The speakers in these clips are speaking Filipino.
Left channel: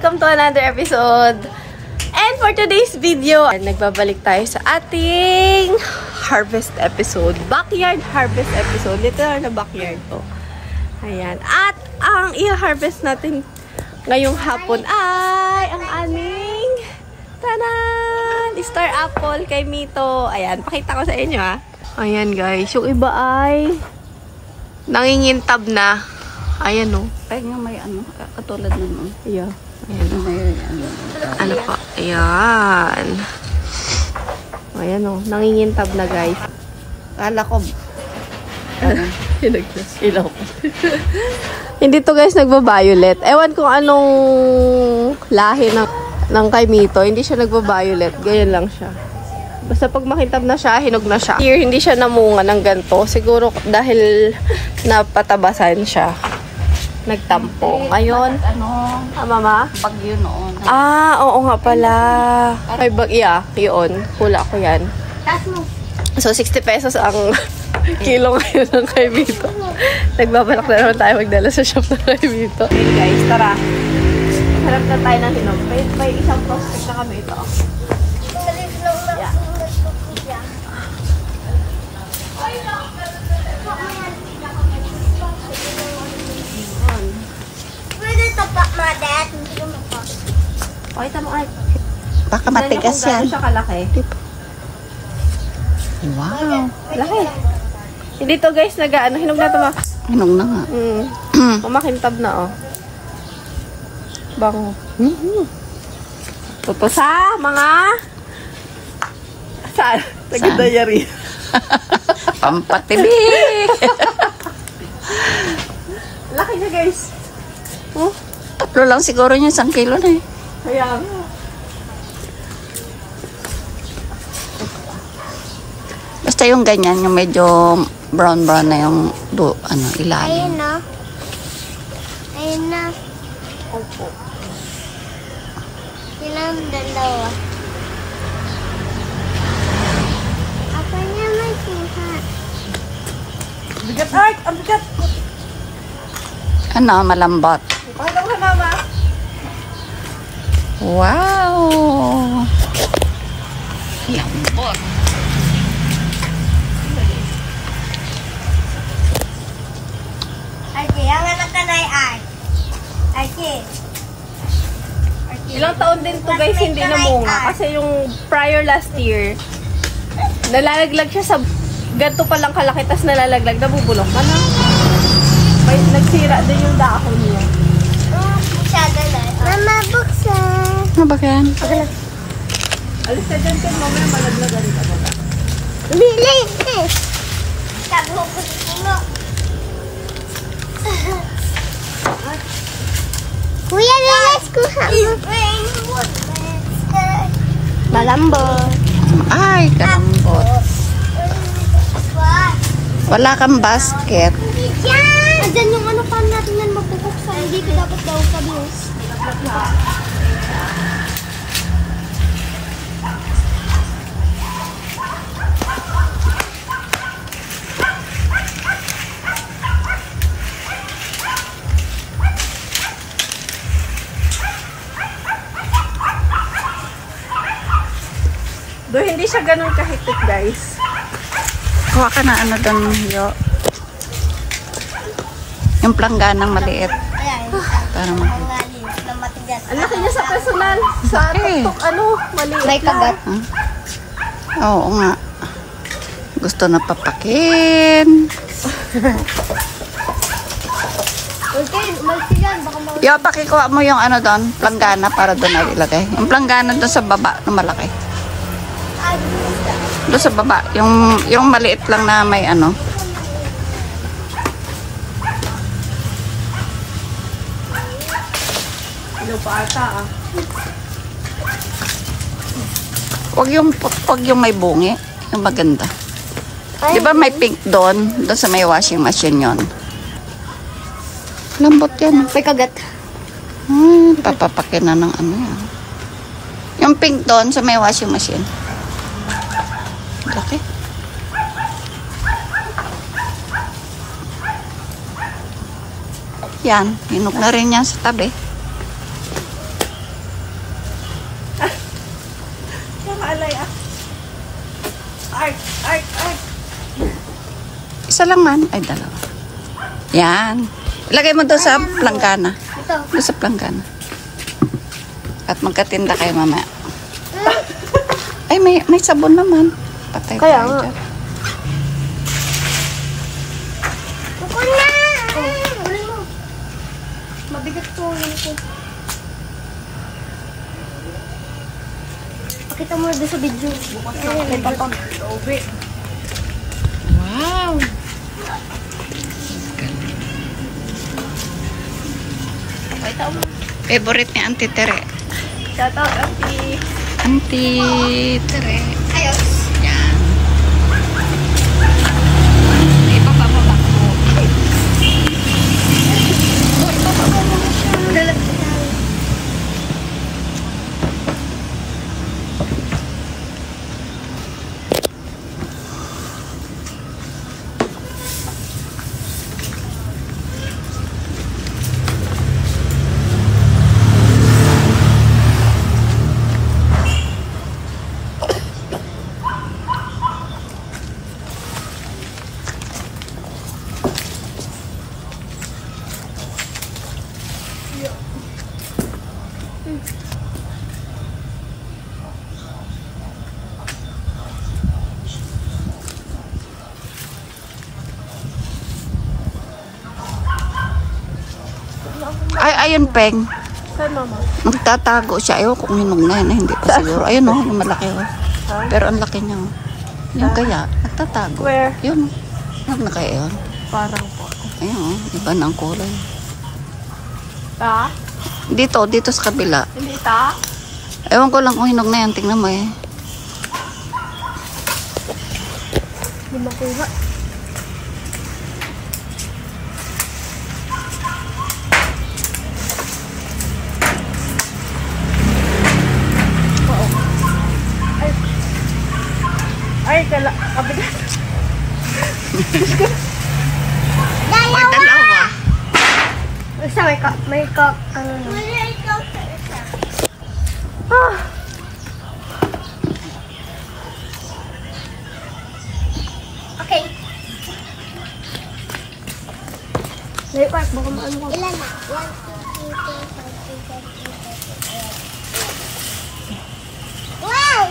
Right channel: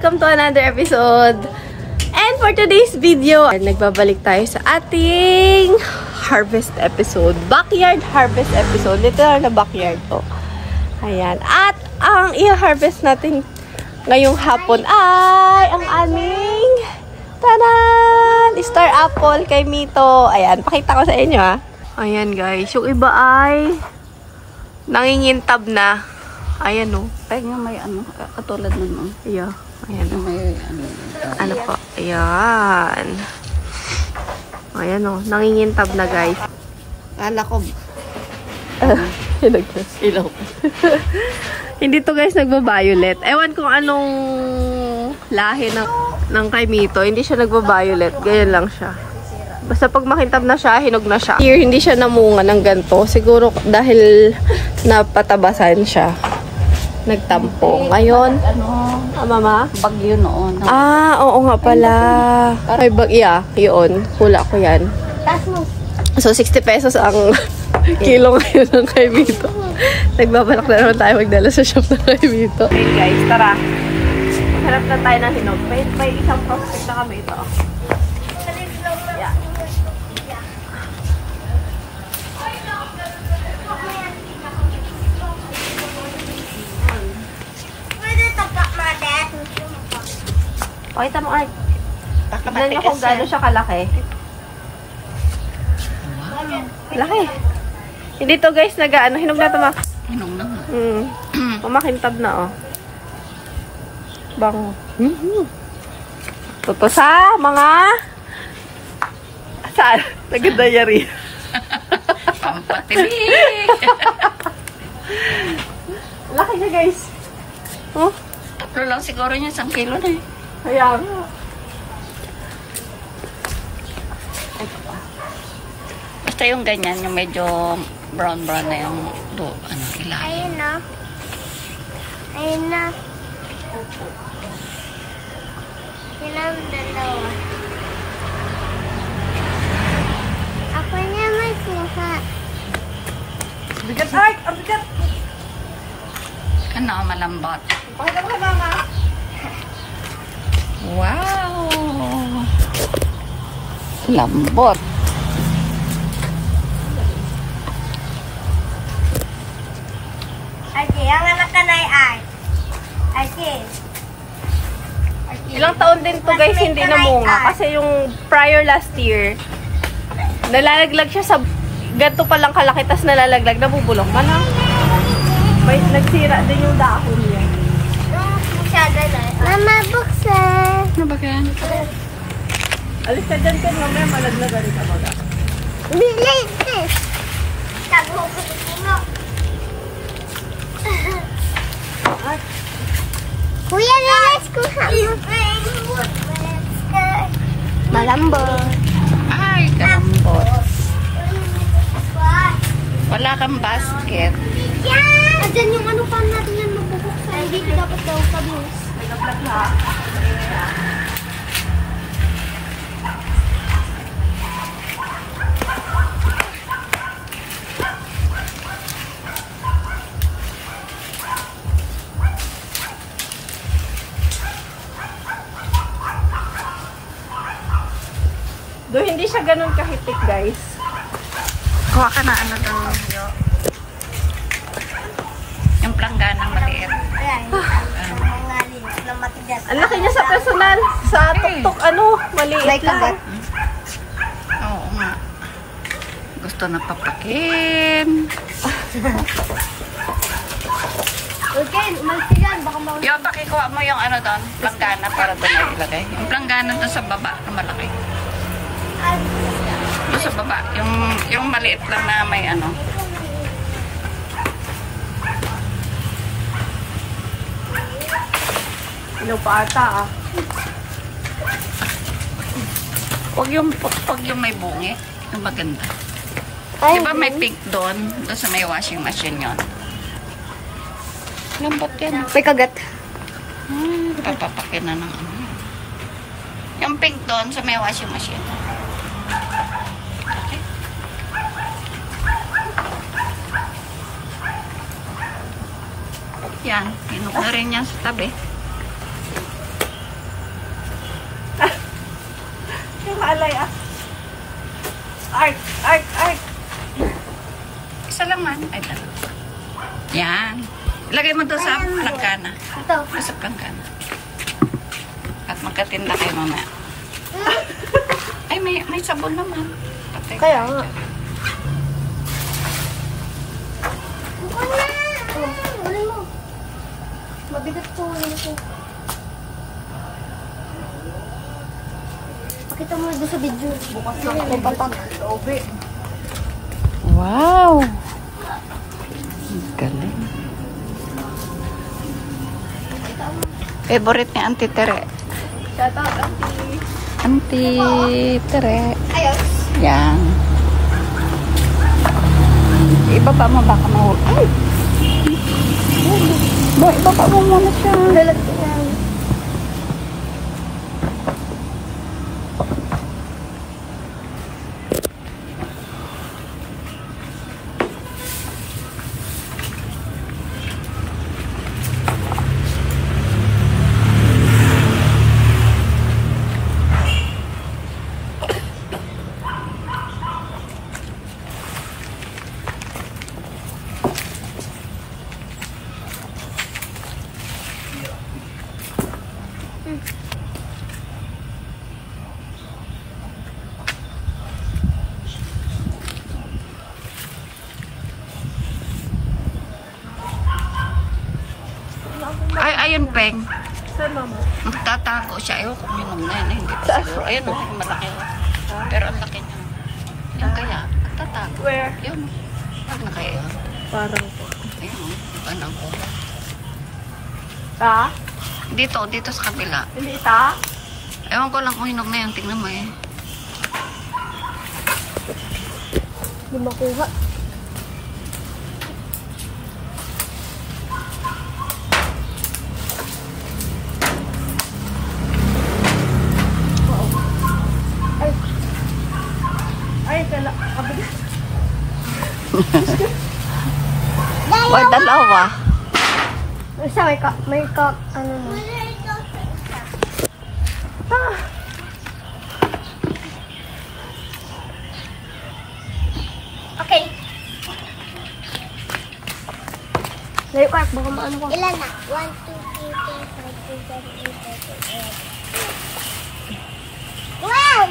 Welcome to another episode. And for today's video, nagbabalik tayo sa ating harvest episode. Backyard harvest episode. Literal na backyard to. Ayan. At ang i-harvest natin ngayong hapon ay ang aming tanan! Star apple kay Mito. Ayan. Pakita ko sa inyo ha. Ayan guys. Yung iba ay nangingintab na. Ayan o. Kaya nga may ano, katulad nun. Yeah. Ayan o. May Ano pa? Ayan. Ayan o. Nangingintab na guys. kala ko. Ilaw. Hindi to guys nagba-violet. Ewan kung anong lahi ng kay Mito. Hindi siya nagba-violet. Ganyan lang siya. Basta pag makintab na siya, hinog na siya. Here, hindi siya namunga ng ganito. Siguro dahil napatabasan siya. Nagtampo. Ngayon, mama? Bagyo noon. Oo nga pala. May bagya. Yun. Hula ko yan. So, 60 pesos ang kilo ngayon ng kay Mito. Nagbabalak na naman tayo magdala sa shop ng kay Mito. Okay guys, tara. Maghanap na tayo ng hinog. May isang prospect na kami ito. Yeah. Pakita mo ay. Tignan niyo kung gano'n siya kalaki. Wow. Laki. Hindi to guys, hinog na ito ma. Hinog na nga. Umakintab na oh. Bango. Toto sa mga saan? Nagdayari. Pampatilik. Laki niya guys. Oh. Tatlo lang siguro yung 1 kilo na eh. Ayan. Basta yung ganyan, yung medyo brown-brown na yung ilalim. Ayun na. Ayun na. Ilang dalawa. Ako niya may kuha. Bigat art! Ang bigat! Ano, malambot. Pakita mo mama. Wow! Lambot. Ate, ang anak ka na ay. Ate. Ilang taon din to guys hindi namunga. Kasi yung prior last year, nalalaglag siya sa ganito palang kalaki, tas nalalaglag, nabubulok man ha? May nagsira din yung dahon niya. Masyado na. Mama, buksan. Ano ba yan? Alis ka dyan kan, mamaya malaglagan ka baga. Bilay. Sabi ko kasi mo. Kuya, lilis ko sa malambot. Ay, kalambot. Wala kang basket. Diyan yung ano pa natin na magbubuksan. Dito dapat daw kabus. Nagaplat ha. Do hindi siya ganun kahitik guys. Kuha ka na ano doon, Yo. Yung plangganang maliit. Ayan. Tara mo. Na matigas. Ang laki niya sa personal. Sa tuktok maliit May kagat. Oo nga. Gusto na papakin. Okay, malsigan. Baka mawala. Yo, pakikuha mo yung ano doon, planggana para doon na ilagay. Yung planggana doon sa baba na malaki. Doon sa baba, yung maliit lang na may ano. Ilaw pa ata ah. Wag yung may bungi. Yung maganda. Di ba may pink doon? Doon sa may washing machine yon. Lambot yan. May kagat. Papapakin na ng ano yan. Yung pink doon sa may washing machine. Okay. Yan. Hinok na rin yan sa tabi. halay ah. Art. Isa lang man. Ay, dalawa. Yan. Ilagay mo doon sa planggana. Ito. Doon sa planggana. At magkatinda kayo mamaya. Ay, may sabon naman. Patay Kaya tayo nga. dyan. Ako na! Oh, ulit mo. Mabigat to. Ulit ko. Pakita mo doon sa video. Bukas na. Wow! Galing. Favorite ni Auntie Tere. Shout out, Auntie. Auntie Tere. Yan. Ibaba mo baka mo. Ay! Baba mo muna siya. Dalag ko yan. Ay, ayun, Peng. Saan, mama? Magtatago siya. Ayaw kung ninong na yun. Hindi pa siguro. Ayun o, yung malaki o. Pero ang laki niya. Yung kaya, nagtatago. Where? Yun. Huwag na kayo yun. Parang po. Ayun o, iba na ang kulay. Ta? Dito sa kabila. Hindi ta? Ewan ko lang kung hinog na yan. Tingnan mo eh. Hindi makuha. Ay, kabigat. Oy, dalawa. Isa may ano na. Ah. Okay. Ngayon ko, baka maan mo. Ilan na? 1, 2, 3, 4, 5, 6, 7, 8. Wow!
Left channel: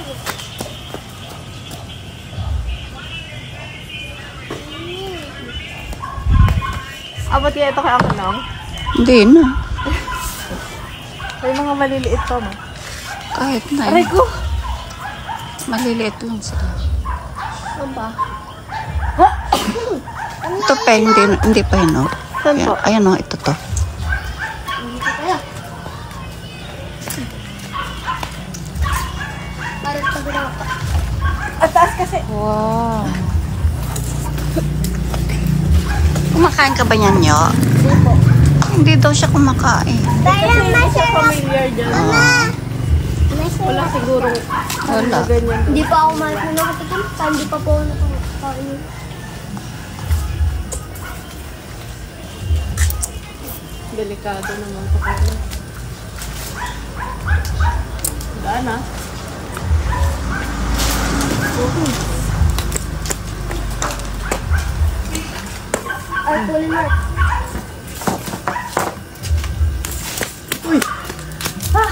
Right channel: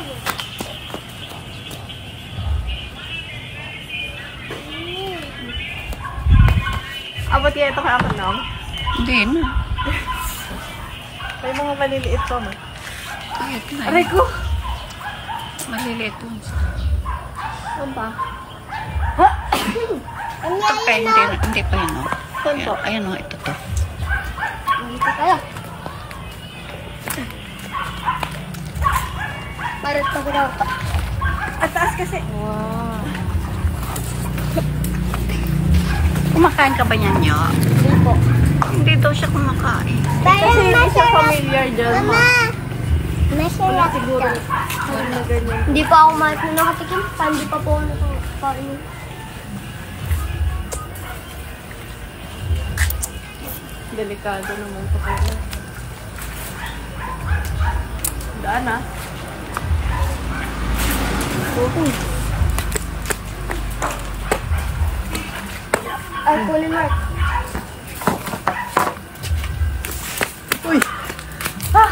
Abot kaya ito kaya ako lang? Hindi na. May mga maliliit pa mo. Kahit na. Aray ko! Maliliit lang sila. Ano ba? Ito pa, hindi pa yun o. Saan po? Ayan o, ito to. Dito kaya. Parang tabi-tabi pa. At taas kasi. Wow. Kumakain ka ba niyan, Nyo? Hindi daw siya kumakain. Kasi hindi siya familiar dyan. Wala siguro. Wala. Ganyan. Hindi pa ako nakatikim pa. Hindi pa po ako nakakain. Delikado naman ito kayo. Daan ah. Ay, pulling mark. Uy! Ah!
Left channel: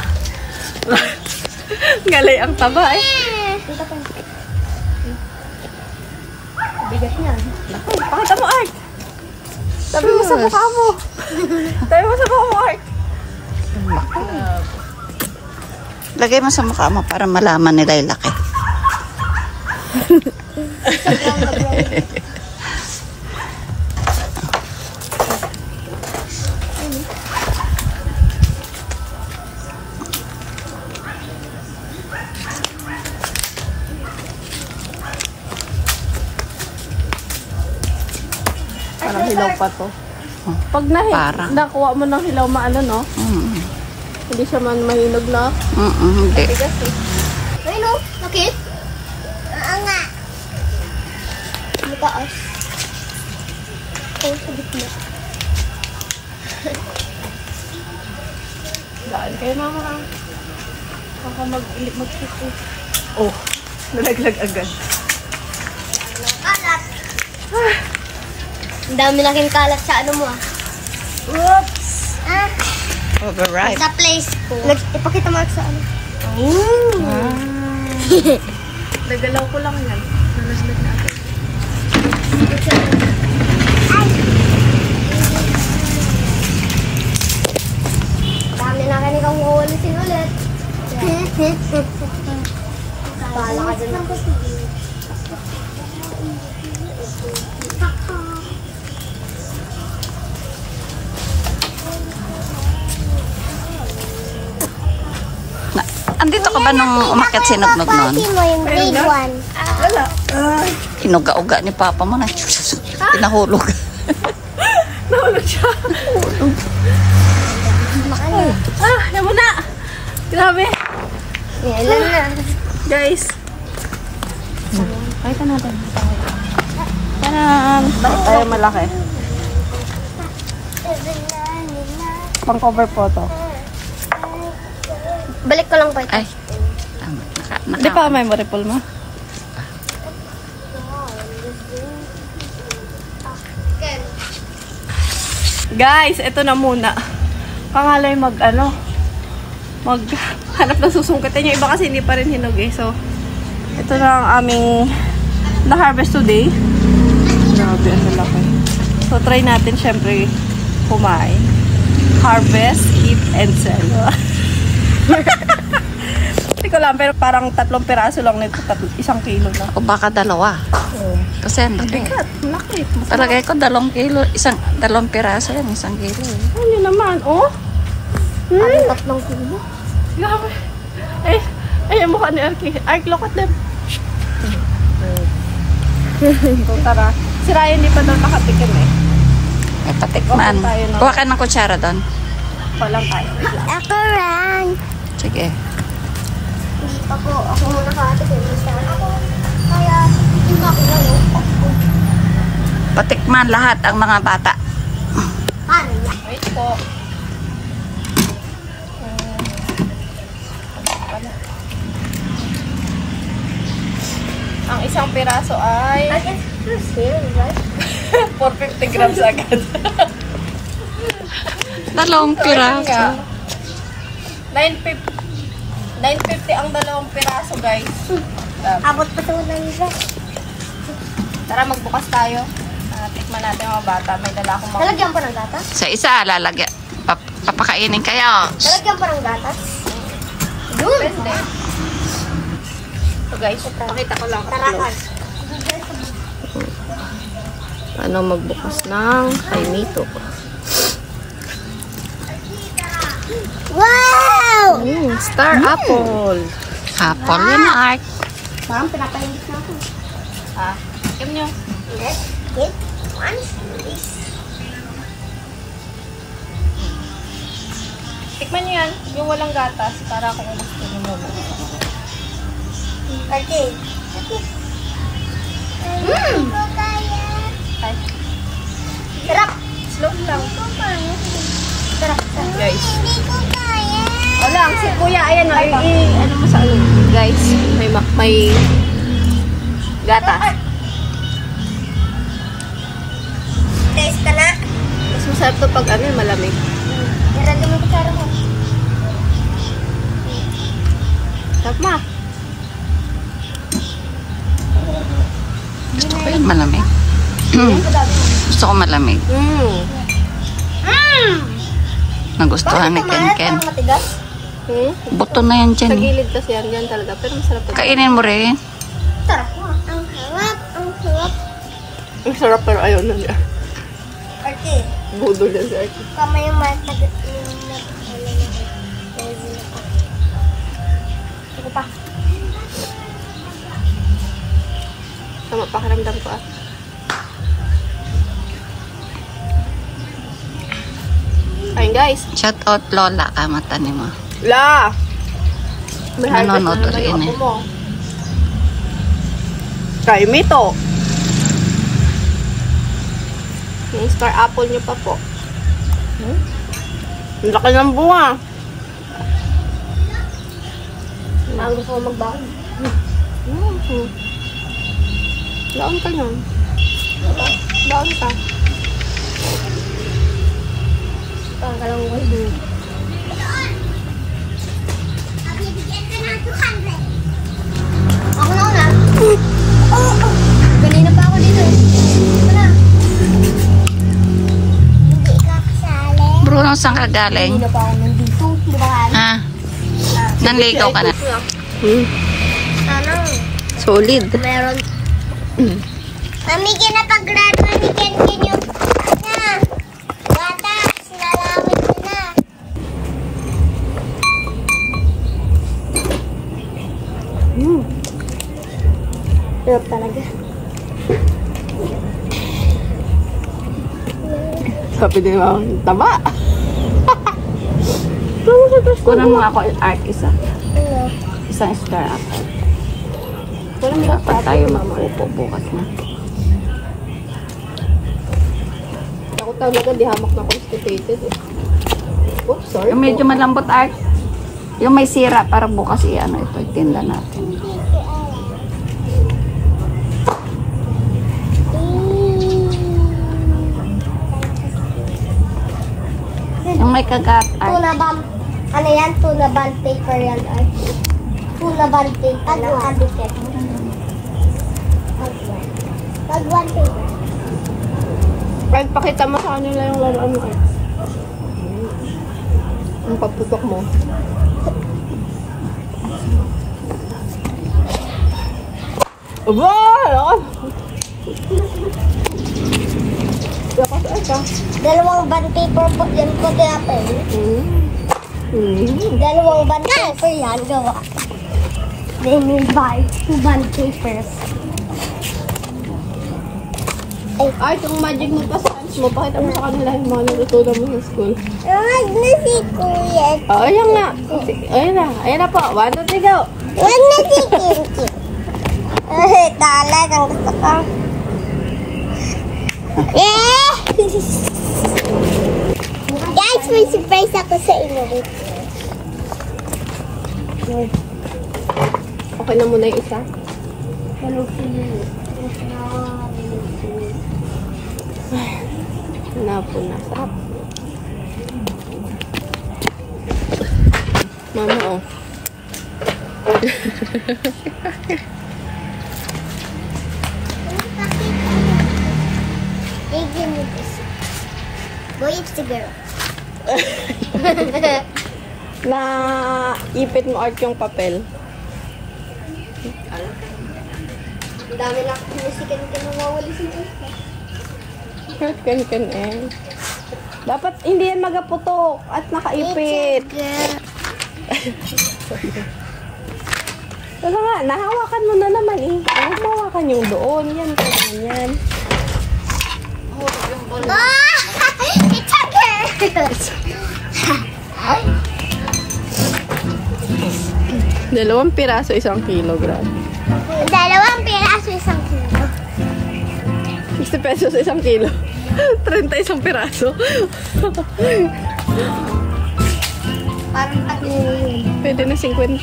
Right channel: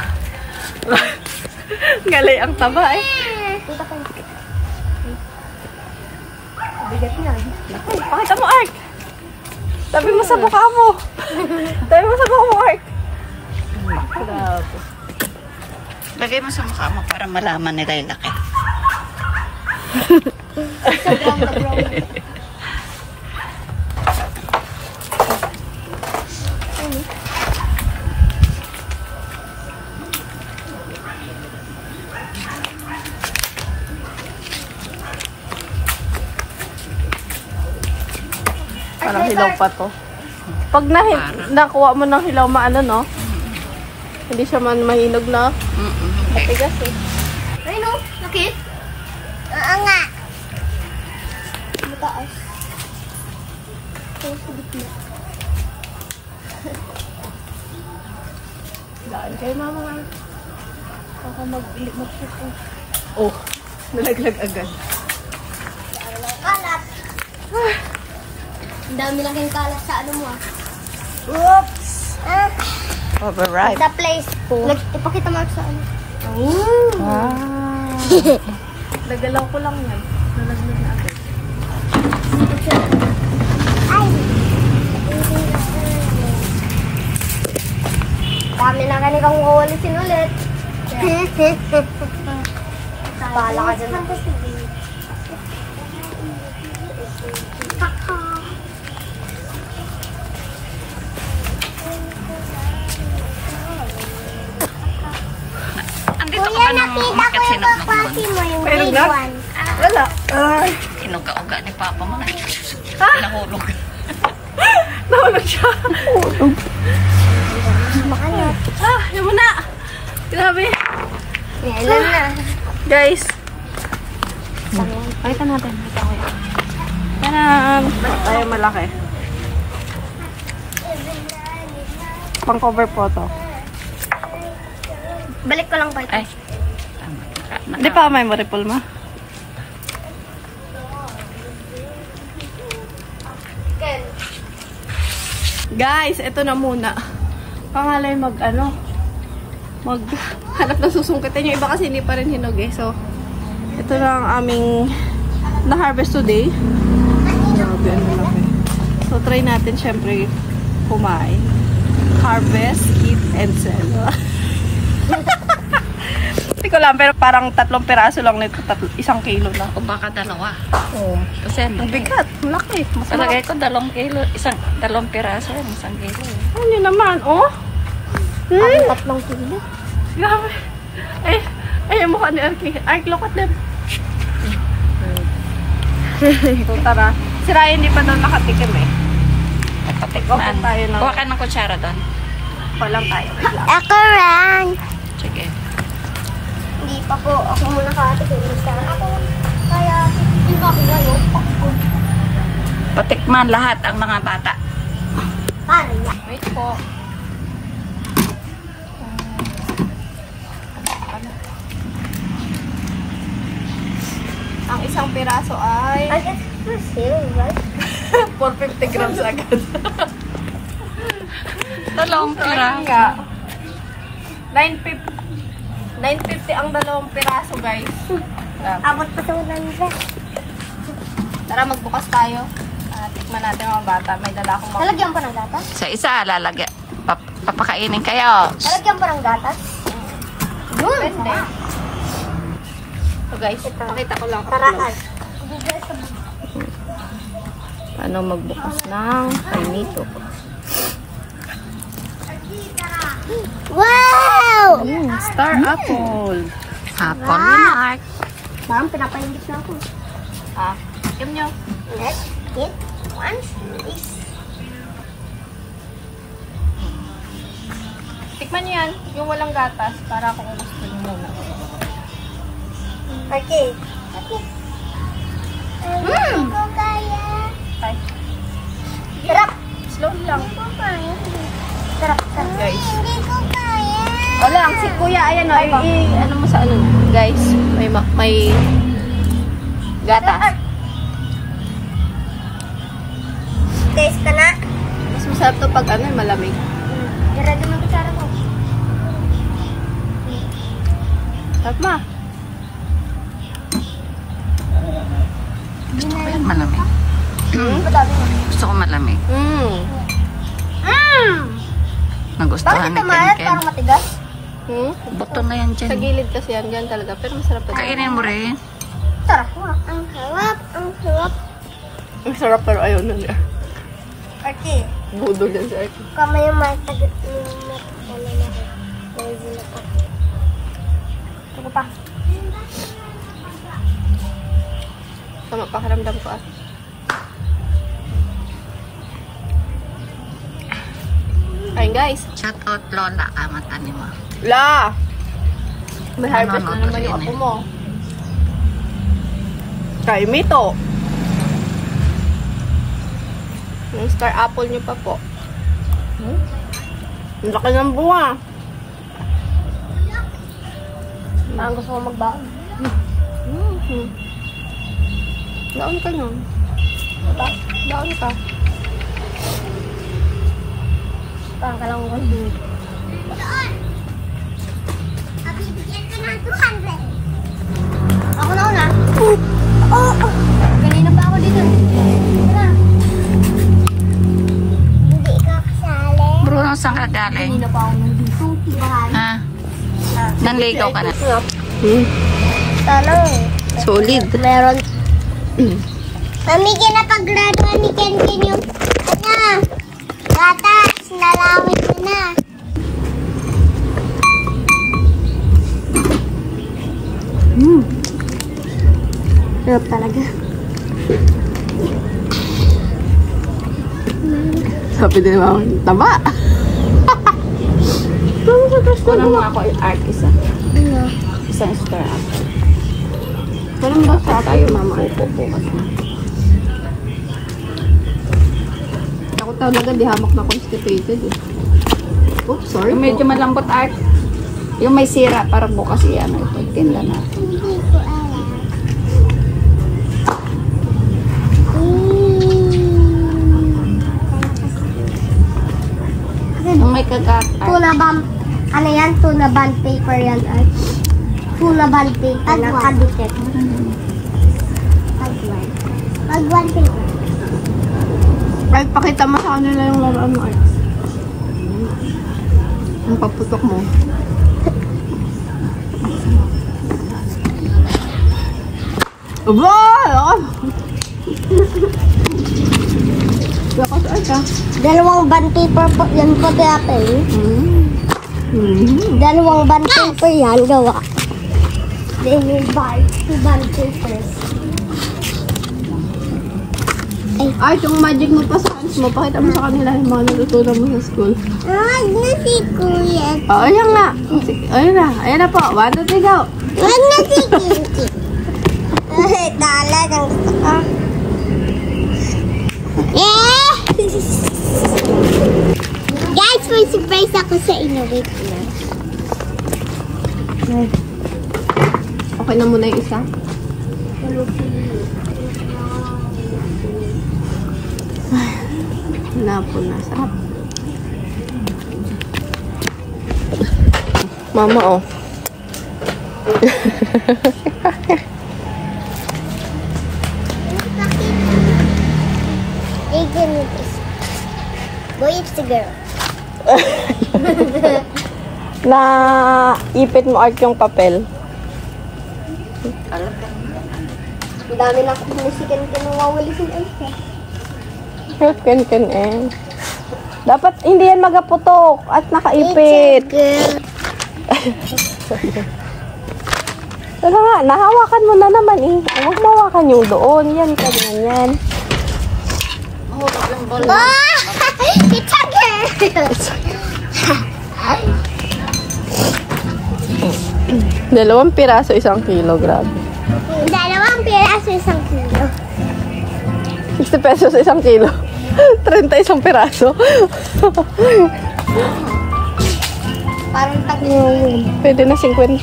Galay ang taba eh. Dito pa. Bigat niya. Laki. Pakita mo, Art! Sabi mo sa mukha mo. Sabi mo sa mukha mo, Art. Lagay mo sa mukha mo para malaman nila yung laki. Parang hilaw pa to. Pag Parang. nakuha mo ng hilaw maano, no? Mm. Hindi siya man mahinog na. Hindi. Tigas eh. Ay, no? Okay? Nga. Mataas. Oh, sa gitna. Daan kayo, mama. Baka mag-shoot eh. Oh, nalaglag agad. Ang dami laking kalat sa ano mo ah. Oops! Overripe. Sa place ko. Ipakita mo sa ano. Wow. Nagalaw ko lang yan. Nalaglag na agad. Dami na kanikang uwalisin ulit. Bahala ka dyan. Andito ka ba nung umakyat sinugnog nun? Mayroon na? Wala. Kinuga-uga ni Papa mo na. Pinahulog. Nahulog siya. Nahulog. Naman na. Grabe. Ayan na. Guys. Pakita natin. Tanan! Tayo malaki. Pang cover photo. Balik ko lang po. Ay. Tama. Hindi pa may maripol mo. Guys, ito na muna. Pangalay maghanap ng susungkitin. Yung iba kasi hindi pa rin hinog eh. So, ito na ang aming na-harvest today. Grabe, ang lalaki. So, try natin syempre kumain. Harvest, eat, and sell. Hindi ko lang, pero parang 3 piraso lang nito. 1 kilo na. O baka 2. Oh. Kasi ang laki. Bigat, laki. Palagay ko 2 kilo. 2 piraso yan. 1 kilo. Ano naman, oh? Tatlong kilo. Grabe. Ay, ang mukha ni Arky. Arky, look at them. So, tara. Si Ryan di pa daw nakatikim eh. May patikman. Okay, tayo na. Kuha ka ng kutsara doon. Walang tayo. Wait lang. Ako ran. Sige. Hindi pa po. Ako muna nakatikim. Kaya, hindi ako gano'n. Patikman lahat ang mga bata. Paano yan? Wait po. Ang isang piraso ay I guess for sale, right? 450 grams agad. 2 piraso. 950 ang 2 piraso, guys. Abot pa sa ulan nila. Tara, magbukas tayo. Tikman natin mga bata. May dala akong Lalagyan pa ng gatas? Sa isa, lalagyan. Papakainin kayo. Lalagyan pa ng gatas? Pwede. So guys, pakita ko lang. Tarakan. Ano magbukas ng kainito. Wow! Star apple. Apple yun, Art. Ma'am, pinapahinggit na ako. Kim nyo. Let's get one piece. Tikman nyo yan. Yung walang gatas. Para kung gusto nyo muna. Okay. Hindi ko kaya. Okay. Sarap. Slow lang. Sarap. Guys. Hindi ko kaya. O lang, si kuya, ayan o. Ano mo sa ano? Guys, may gatas. Taste ka na. Mas masarap to pag ano, malamig. Ready mo kutsara mo. Sarap ma. Gusto ko yan malamig. Gusto ko malamig. Nagustuhan ni Ken Ken. Parang matigas? Buto na yan Sa dyan. gilid kasi yan, dyan talaga. Pero masarap to. Kainin mo rin. Sarap. Ang sarap. Ang sarap. Ang sarap pero ayaw na niya. Okay. Budol yan si Arky. Kamay yung matagas. Ano na. Lazy na pa. Ako pa. Tama, pakiramdam ko ah. Ayun guys. Shout out Lola, kamata ni mo. La! May harvest na Nanonood naman rin yung eh. ako mo. Try me to. Yung star apple nyo pa po. Ang laki ng bunga. Parang gusto ko magbaon. Daon ka nun. Daon ka. Parang kalangwan. Bibigyan ka ng 200. Ako na una. Ganina pa ako dito. Wala. Hindi ka kasali. Bruno, saan ka galing? Ganina pa ako nandito. Di ba, Han? Ha? Nanligaw ka na. Talong. Solid. Meron. Mami, kinapaglaruan ni Ken yung na. Gatas, nalawit ko na. Sarap talaga. Sabi din naman, taba. Kunin mo ako yung art isa. Ano? Isang star ako. Walang ba sa tayo, mama? Bukas na. Ako talaga, di hamak na constipated eh. Oops, sorry Yung medyo po. malambot art. Yung may sira para bukas yan. Pagtinda na. Hindi ko alam. Yung may kagat art. Tuna band. Ano yan? Tuna band paper yan. Ay. Tuna band paper. Nakadikit. Pag-one paper. Ay, pakita mo sa kanila yung laruan mo, Art. Ang paputok mo. Aba! Lakas, Art, ah. Dalawang band paper po. Yan po kaya Dalawang band paper yan. Gawa. Then you buy 2 band papers. Art, yung magic mo pa sa hands mo, pakita mo sa kanila yung mga natutunan mo sa school. Wag na si Kuya. Oh, ayan nga. Ayan na. Ayan na po. 1, 2, 3, go. Wag na si Kinky. Talagang gusto ko. Yeah! Guys, may surprise ako sa inyo. Wait lang. Okay na muna yung isa. Napo na. Sarap. Mama, oh. Hey, give me this. Boy, it's the girl. Na ipit mo, Art, yung papel. Ang dami na akong musikan ka nang wawalisin ay. Ken eh. Dapat hindi yan magaputok at nakaipit. Pero nga, nahawakan mo na naman eh. Huwag mawakan yung doon. Yan, ganyan yan. Ah! It's a girl! 2 piraso, 1 kilo. Grabe. 2 piraso, 1 kilo. 60 pesos 1 kilo. 31 piraso. Parang 3 yun. Pwede na 50.